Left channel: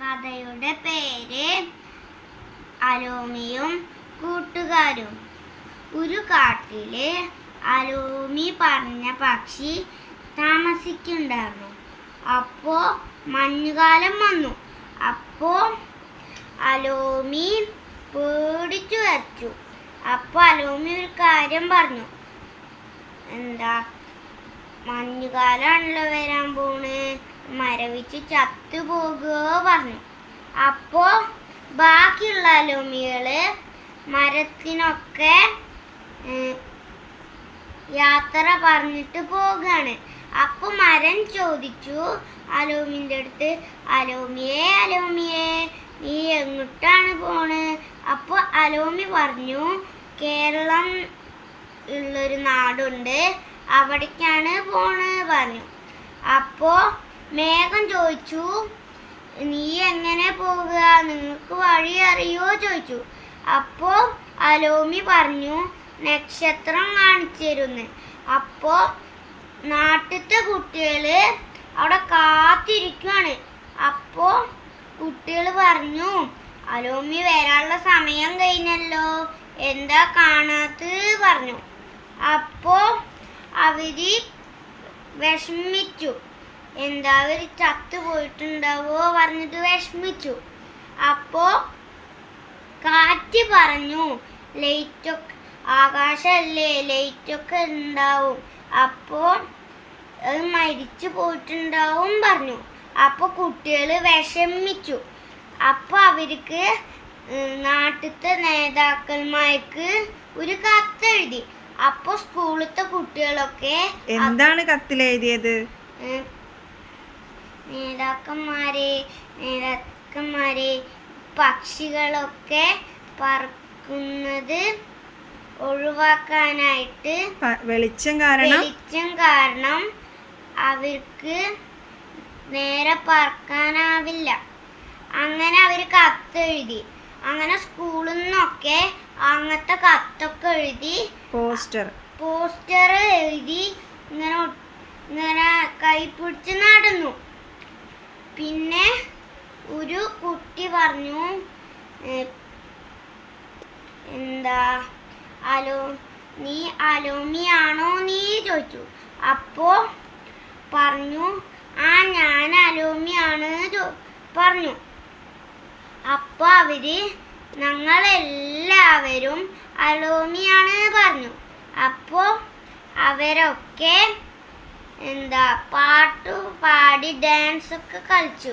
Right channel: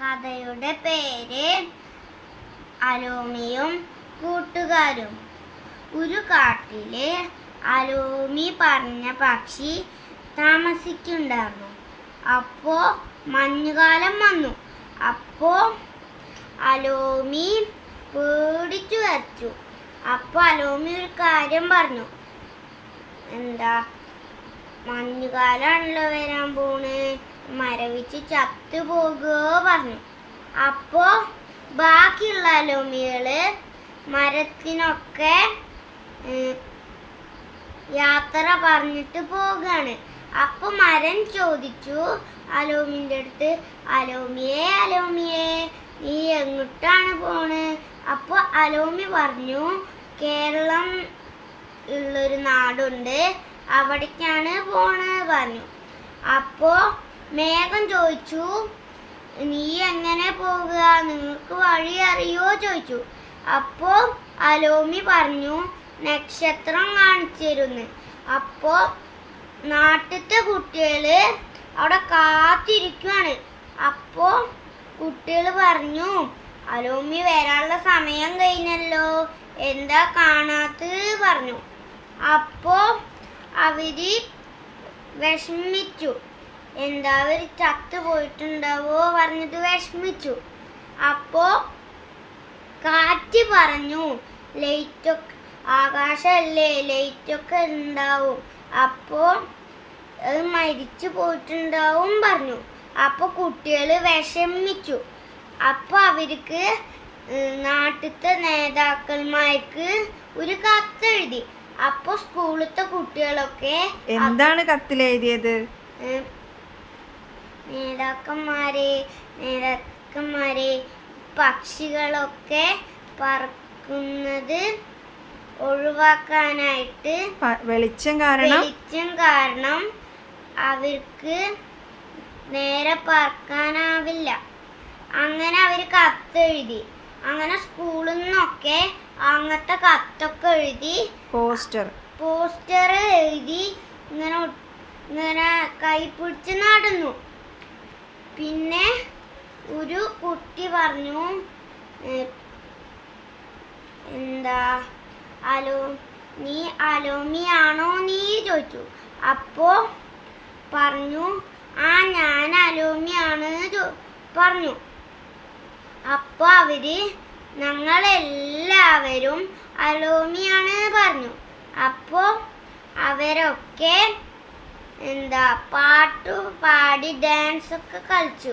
കഥയുടെ പേര് അലോമിയും കൂട്ടുകാരും. ഒരു കാട്ടില് അലോമി പറഞ്ഞ പക്ഷി താമസിക്കുന്നുണ്ടായിരുന്നു. അപ്പോ മഞ്ഞുകാലം വന്നു. അപ്പോ അലോമി പേടിച്ചു വരച്ചു. അപ്പൊ അലോമി ഒരു കാര്യം പറഞ്ഞു. എന്താ, മഞ്ഞുകാലാണല്ലോ വരാൻ പോണ്, മരവിച്ച് ചത്തുപോകുകയോ പറഞ്ഞു. അപ്പോ ബാക്കിയുള്ള അലോമികള് മരത്തിനൊക്കെ യാത്ര പറഞ്ഞിട്ട് പോകാണ്. അപ്പൊ മരം ചോദിച്ചു അലോമിന്റെ അടുത്ത്, അലോമിയേ അലോമിയേ നീ എങ്ങോട്ടാണ് പോണ്? അപ്പൊ അലോമി പറഞ്ഞു, കേരളം ഉള്ളൊരു നാടുണ്ട്, അവിടേക്കാണ് പോണ് പറഞ്ഞു. അപ്പോ മേഘം ചോദിച്ചു, നീ എങ്ങനെ പോകുക, നിങ്ങൾക്ക് വഴി അറിയോ ചോദിച്ചു. അപ്പോ അലോമി പറഞ്ഞു, നക്ഷത്രം കാണിച്ചു തരുന്ന്. അപ്പോ നാട്ടിലത്തെ കുട്ടികള് അവിടെ കാത്തിരിക്കുകയാണ്. അപ്പോ കുട്ടികൾ പറഞ്ഞു, അലോമി വരാനുള്ള സമയം കഴിഞ്ഞല്ലോ, എന്താ കാണാത്തത് പറഞ്ഞു. അപ്പോ അവര് വിഷമിച്ചു. എന്താ, അവര് ചത്തുപോയിട്ടുണ്ടാവോ പറഞ്ഞിട്ട് വിഷമിച്ചു. അപ്പോ കാറ്റ് പറഞ്ഞു, ലൈറ്റൊക്കെ ആകാശല്ലേ, ലൈറ്റൊക്കെ ഉണ്ടാവും, അപ്പോ അത് മരിച്ചു പോയിട്ടുണ്ടാവും പറഞ്ഞു. അപ്പൊ കുട്ടികൾ വിഷമിച്ചു. അപ്പൊ അവർക്ക് നാട്ടിലത്തെ നേതാക്കന്മാർക്ക് ഒരു കത്തെഴുതി. അപ്പൊ സ്കൂളിലത്തെ കുട്ടികളൊക്കെ എന്താണ് കത്തിലെഴുതിയത്? നേതാക്കന്മാരെ പക്ഷികളൊക്കെ പറക്കുന്നത് ഒഴിവാക്കാനായിട്ട് വെളിച്ചം കാരണം അവർക്ക് നേരെ പറക്കാനാവില്ല. അങ്ങനെ അവർ കത്തെഴുതി. അങ്ങനെ സ്കൂളിൽ നിന്നൊക്കെ അങ്ങനത്തെ കത്തൊക്കെ എഴുതി പോസ്റ്റർ എഴുതി ഇങ്ങനെ കൈ പിടിച്ച് നടന്നു. പിന്നെ ഒരു കുട്ടി പറഞ്ഞു, എന്താ, നീ അലോമിയാണോ നീ ചോദിച്ചു. അപ്പോ പറഞ്ഞു, ആ ഞാൻ അലോമിയാണ് പറഞ്ഞു. അപ്പൊ അവര് ഞങ്ങളെല്ലാവരും അലോമിയാണ് പറഞ്ഞു. അപ്പോ അവരൊക്കെ പാട്ടു പാടി ഡാൻസ് ഒക്കെ കളിച്ചു.